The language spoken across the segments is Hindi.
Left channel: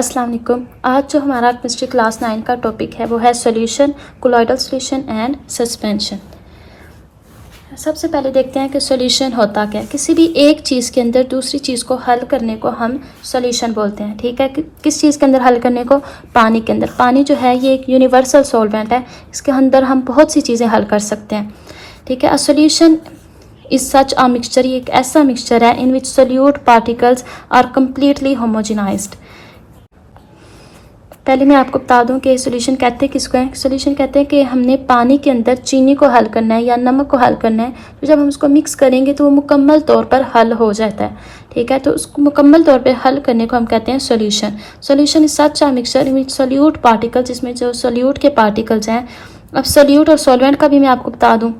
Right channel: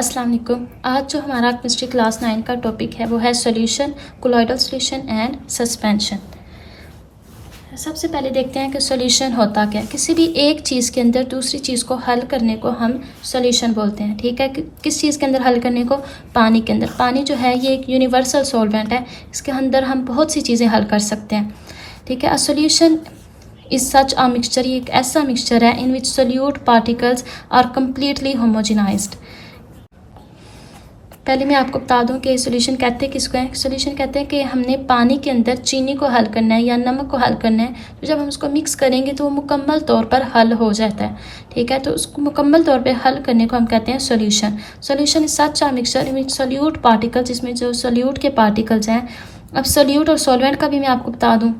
अस्सलाम वालेकुम। आज जो हमारा केमिस्ट्री क्लास 9 का टॉपिक है वो है solution, colloidal solution and suspension. सबसे पहले देखते हैं कि सॉल्यूशन होता क्या है। किसी भी एक चीज़ के अंदर दूसरी चीज़ को हल करने को हम सॉल्यूशन बोलते हैं। ठीक है, किस चीज़ के अंदर हल करने को? पानी के अंदर। पानी जो है ये एक यूनिवर्सल सॉल्वेंट है, इसके अंदर हम बहुत सी चीज़ें हल कर सकते हैं। ठीक है, a solution is such a mixture, ये एक ऐसा मिक्सचर है in which solute particles are completely homogenized. पहले मैं आपको बता दूं कि सॉल्यूशन कहते हैं किसको है। सॉल्यूशन कहते हैं कि हमने पानी के अंदर चीनी को हल करना है या नमक को हल करना है, तो जब हम उसको मिक्स करेंगे तो वो मुकम्मल तौर पर हल हो जाता है। ठीक है, तो उसको मुकम्मल तौर पर हल करने को हम कहते हैं solution. Solution is such a mixture which solute particles, जिसमें जो सोल्यूट के पार्टिकल्स हैं। अब सोल्यूट और सॉल्वेंट का भी मैं आपको बता दूँ।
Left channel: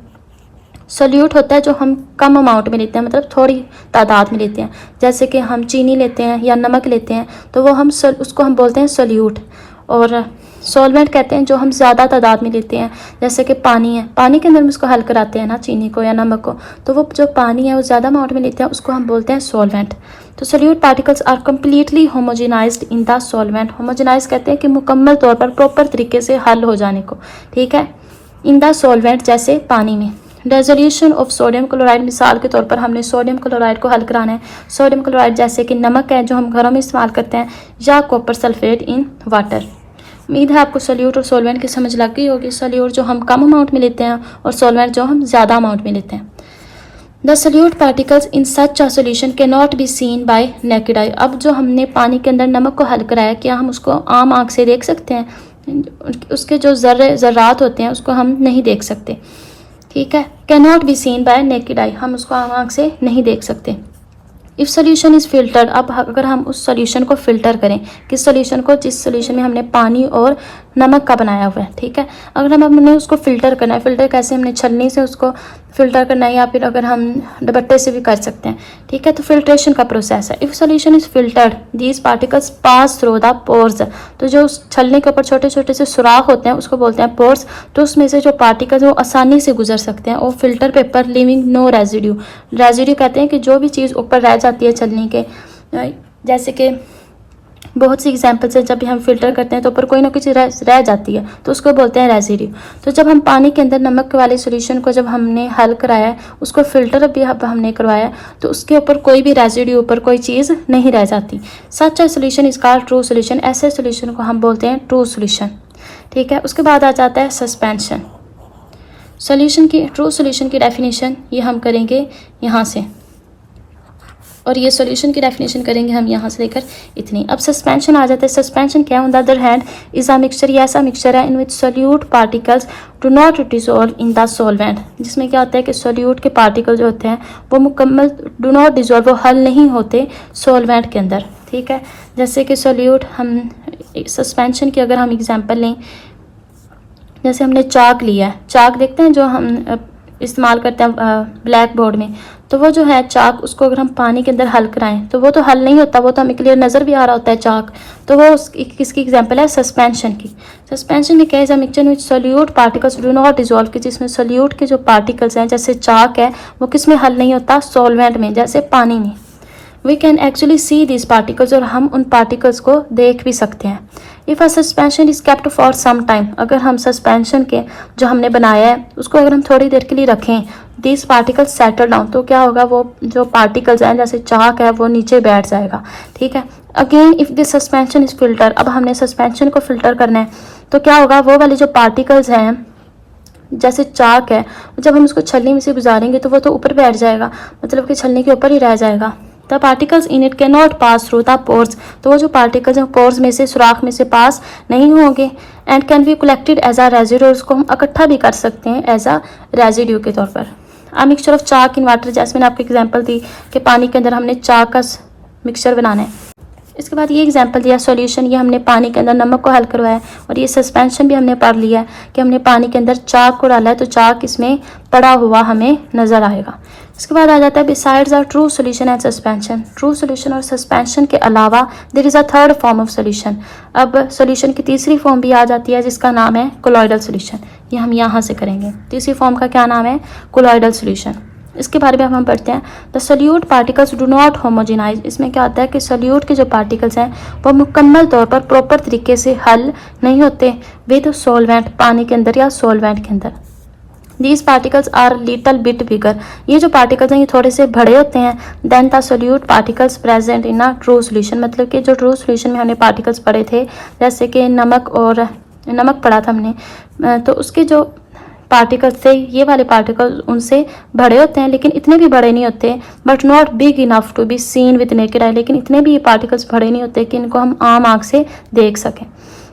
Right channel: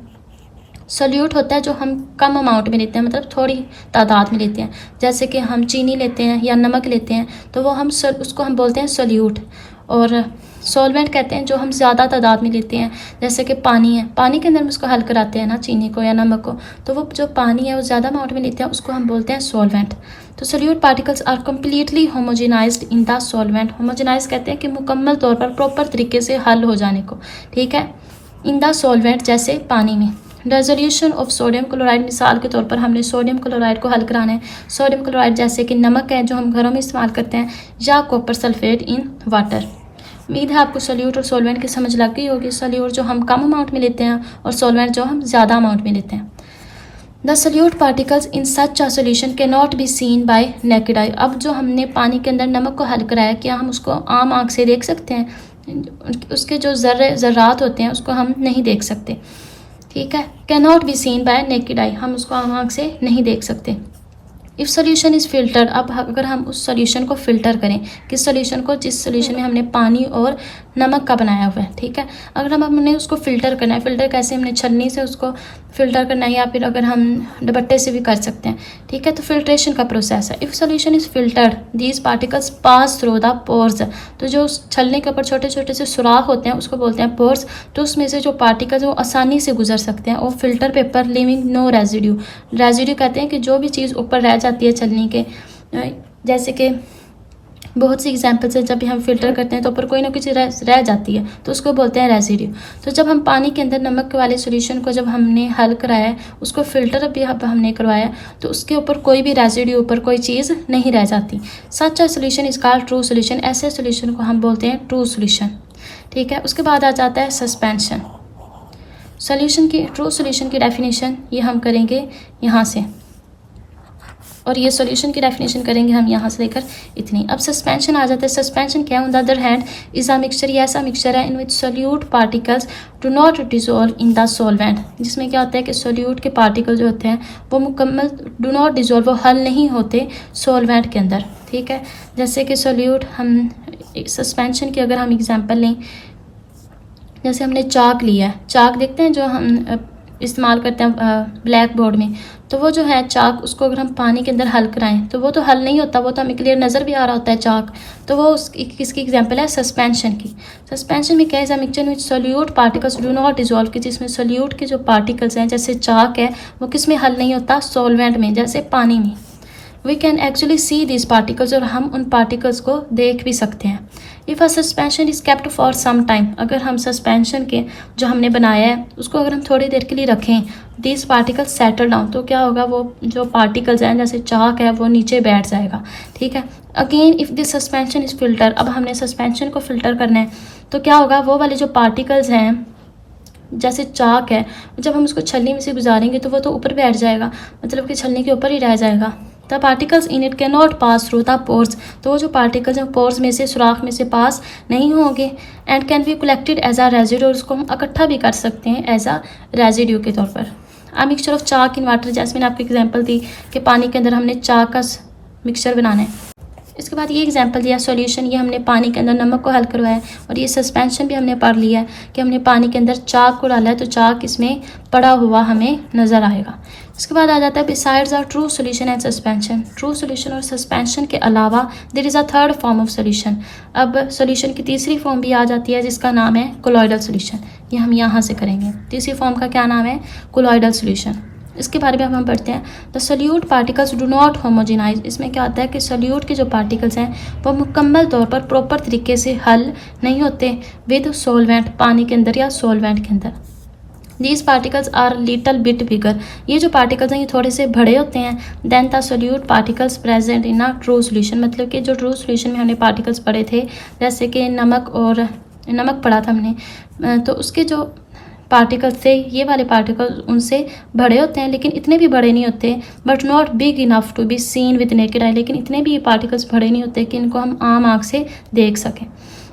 सोल्यूट होता है जो हम कम अमाउंट में लेते हैं, मतलब थोड़ी तादाद में लेते हैं। जैसे कि हम चीनी लेते हैं या नमक लेते हैं तो वो हम उसको हम बोलते हैं सोल्यूट। और सॉल्वेंट कहते हैं जो हम ज़्यादा तादाद में लेते हैं, जैसे कि पानी है। पानी के अंदर हम उसको हल कराते हैं ना, चीनी को या नमक को, तो वो जो पानी है वो ज़्यादा अमाउंट में लेते हैं, उसको हम बोलते हैं सॉल्वेंट। तो solute particles are completely homogenized in the solvent. Homogenize कहते हैं कि मुकम्मल तौर पर प्रॉपर तरीके से हल हो जाने को। ठीक है, इन द सॉल्वेंट, जैसे पानी में। रेजोल्यूशन ऑफ सोडियम क्लोराइड, मिसाल के तौर पर हमने सोडियम क्लोराइड को हल कराना है। सोडियम क्लोराइड जैसे कि नमक है जो हम घरों में इस्तेमाल करते हैं, या कॉपर सल्फेट इन वाटर। उम्मीद है आपको सोल्यूट और सॉल्वेंट की समझ लग गई होगी। सोल्यूट जो हम कम अमाउंट में लेते हैं और सॉल्वेंट जो हम ज़्यादा अमाउंट में लेते हैं। The solute particles in such a solution can not be seen bye naked eye. अब जो हमने पानी के अंदर नमक को हल कराया, क्या हम उसको आम आँख से देख सकते हैं? उसके जो ज़र्रात होते हैं उसको हम नहीं देख सकते। ठीक है, can not be seen bye naked eye, हम उसको आँख से नहीं देख सकते। इफ सोल्यूशन इज फिल्टर्ड, अब अगर हम उस सोल्यूशन को फिल्टर करें, किस सोल्यूशन को? जिस सोल्यूशन में हमने पानी और नमक का बनाया हुआ है। ठीक है, अगर हमने उसको फिल्टर करना है, फिल्टर कैसे? हमने छन्नी से उसको फिल्टर करना है, या फिर अगर हम दुपट्टे से भी कर सकते हैं। ठीक है, तो फिल्ट्रेशन का प्रोसेस है। If solution is filtered these particles pass through the pores, तो जो उस छलने के ऊपर छोटे छोटे से सुराख होते हैं उसको बोलते हैं पोर्स। तो उसमें से जो पार्टिकल्स वो आसानी से गुजर सकते हैं। और filter paper leaving no residue. Residue कहते हैं कि जो भी चीज़ ऊपर रह जाती है छलनी के, जैसे कि बहुत सी एग्जाम्पल्स है, जब भी हम फिल्टर करते हैं तो ऊपर कोई ना कुछ रह जाती है, तो उसको बोलते हैं रेजिड्यू। तो जब हम पानी के अंदर नमक वाले सॉल्यूशन को जब हमने हल कराया है, उसको फिल्टर भी हमने करवाया, तो उसके ऊपर कोई भी रेजिड्यू, ऊपर कोई चीज़ नहीं रह जाती। Such a solution is called true solution, ऐसे सॉल्यूशन को हम बोलते हैं ट्रू सॉल्यूशन। ठीक है, उसके बाद आ जाता है सस्पेंशन। सॉल्यूशन की, ट्रू सॉल्यूशन की डेफिनेशन ये हम करेंगे यहाँ से, और ये सॉल्यूशन की डेफिनेशन करेंगे हम यहाँ से लेकर इतनी। अब सस्पेंशन आ जाता है। सस्पेंशन क्या है? On the other hand is a mixture, ये ऐसा मिक्सचर है in which solute particles do not dissolve in the solvent, जिसमें क्या होता है कि सोल्यूट के पार्टिकल जो होते हैं वो मुकम्मल डू नॉट डिजोल्व, वो हल नहीं होते सॉल्वेंट के अंदर। ठीक है, जैसे कि सोल्यूट, हम सस्पेंशन की अगर हम एग्जाम्पल लें, जैसे हमने चाक लिया है। चाक देखते हैं जो हम इस्तेमाल करते हैं ब्लैक बोर्ड में, तो वो जो है चाक, उसको अगर हम पानी के अंदर हल कराएं तो वो तो हल नहीं होता, वो तो हमें क्लियर नज़र भी आ रहा होता है चाक। तो वो किसकी एग्जांपल है? सस्पेंशन की। सस्पेंशन में क्या है? Mixture which solute particles do not dissolve, की जिसमें सोल्यूट के जो पार्टिकल्स हैं, जैसे चाक है, वो किस में हल नहीं होता? सॉल्वेंट में, जैसे पानी में। We can actually see this particles, और हम उन पार्टिकल्स को देख भी सकते हैं। If a suspension is kept for some time, अगर हम सस्पेंशन के जो हमने बनाया है उसको अगर हम थोड़ी देर के लिए रखें, दिस पार्टिकल्स सेटल डाउन, तो क्या होगा? वो जो पार्टिकल्स हैं, जैसे चाक है, वो नीचे बैठ जाएगा। ठीक है, again if this suspension is filter, अब हमने सस्पेंशन को फिल्टर करना है, तो क्या होगा? वो वाले जो पार्टिकल्स हैं, जैसे चाक है, जब हम उसको छलनी में से गुजारेंगे तो वो तो ऊपर बैठ जाएगा, मतलब कि छलनी के ऊपर ही रह जाएगा। The particles in it can not pass through the pores, तो वो जो पार्टिकल्स हैं पोर्स में से, सुराख में से पास नहीं होंगे। And can be collected as a residue, उसको हम इकट्ठा भी कर सकते हैं एज अ रेजिड्यू के तौर पर। A mixture of chalk in water, जैसे मैंने आपको एग्जाम्पल दी कि पानी के अंदर हमने चाक का मिक्सचर बनाना है। इसके बाद ये एग्जांपल दिया सॉल्यूशन, ये हमने पानी के अंदर नमक को हल करवाया है। और ये सस्पेंशन भी हमने पढ़ लिया है कि हमने पानी के अंदर चाक को डाला है, तो चाक इसमें पड़ा हुआ हमें नज़र आएगा। इसके बाद आ जाता है besides are true solution and suspension. True solution और सस्पेंशन के अलावा there is a third form of solution. अब सॉल्यूशन की तीसरी फॉर्म भी आ जाती है, जिसका नाम है कोलॉइडल सॉल्यूशन। ये हम यहाँ से करेंगे। तीसरी फॉर्म का क्या नाम है? Colloidal solution. इसके बारे में हम पढ़ते हैं। The solute particles do not homogenise. इसमें क्या होता है कि सोल्यूट के जो पार्टिकल्स हैं वो मुकम्मल तौर पर प्रॉपर तरीके से हल नहीं होते विद सोलवेंट, पानी के अंदर या सोलवेंट के अंदर। These particles are little bit bigger. ये जो पार्टिकल्स हैं ये थोड़े से बड़े होते हैं then the solute particles present in a true solution. मतलब कि जो ट्रू सोल्यूशन में हमने पार्टिकल्स पढ़े थे, जैसे कि नमक पढ़ा था हमने, तो उसके जो पार्टिकल्स थे, ये वाले पार्टिकल्स उनसे बड़े होते हैं लेकिन इतने भी बड़े नहीं होते, but not big enough to be seen with naked eye. लेकिन इतने भी ये पार्टिकल्स बड़े नहीं होते कि इनको हम आम आँख से देख सकें।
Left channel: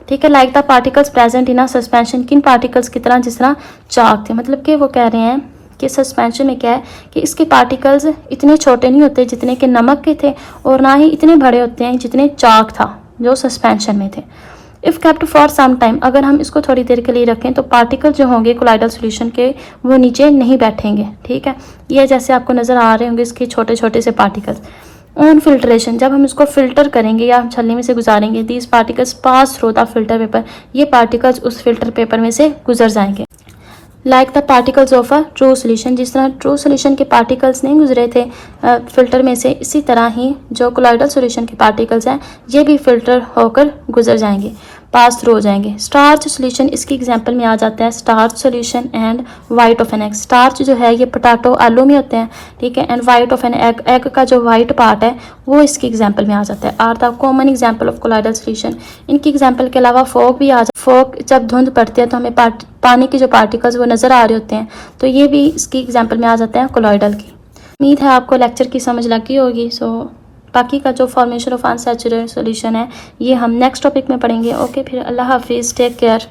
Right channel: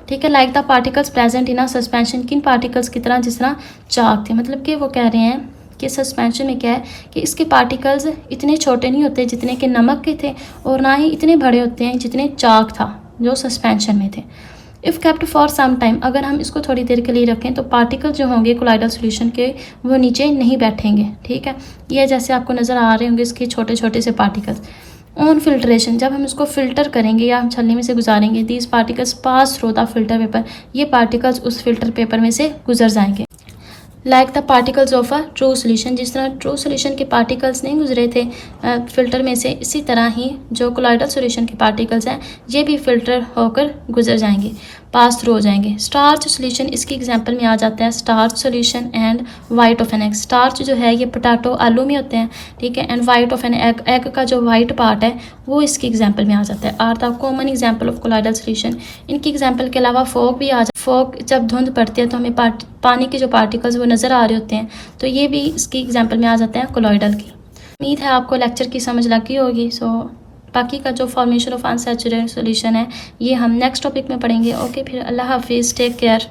ठीक है, like the particles present in a suspension. किन पार्टिकल्स की तरह, जिस तरह चाक थे। मतलब कि वो कह रहे हैं कि सस्पेंशन में क्या है कि इसके पार्टिकल्स इतने छोटे नहीं होते जितने के नमक के थे, और ना ही इतने बड़े होते हैं जितने चाक था जो सस्पेंशन में थे। If kept for some time, अगर हम इसको थोड़ी देर के लिए रखें तो पार्टिकल जो होंगे कोलाइडल सॉल्यूशन के वो नीचे नहीं बैठेंगे। ठीक है, ये जैसे आपको नज़र आ रहे होंगे इसके छोटे छोटे से पार्टिकल्स। ऑन फिल्ट्रेशन, जब हम इसको फिल्टर करेंगे या हम छलनी में से गुजारेंगे, these particles pass through the filter paper. ये पार्टिकल्स उस फिल्टर पेपर में से गुजर जाएंगे। Like the particles of a true solution, जिस तरह ट्रू सोल्यूशन के पार्टिकल्स नहीं गुजरे थे फिल्टर में से, इसी तरह ही जो कोलाइडल सोल्यूशन के पार्टिकल्स हैं ये भी फिल्टर होकर गुजर जाएंगे, पास थ्रू हो जाएंगे। स्टार्च सोल्यूशन इसकी एग्जांपल में आ जाता है starch solution and white of an egg. Starch जो है ये पोटैटो आलू में होते हैं, ठीक है, and white of an egg, egg का जो वाइट पार्ट है वो इसकी एग्जांपल में आ जाता है। Are the common example of colloidal solution. इनकी एग्जांपल के अलावा फॉग भी आ जाता है। फॉग जब धुंध पड़ती है तो हमें पानी के जो पार्टिकल्स वो नज़र आ रहे होते हैं, तो ये भी इसकी एग्जांपल में आ जाता है कोलॉइडल की। उम्मीद है आपको लेक्चर की समझ लगी होगी। सो बाकी का जो फॉर्मेशन ऑफ अनसैचुरेटेड सॉल्यूशन है ये हम नेक्स्ट टॉपिक में पढ़ेंगे। ओके, फिर अल्लाह हाफिज़, टेक केयर।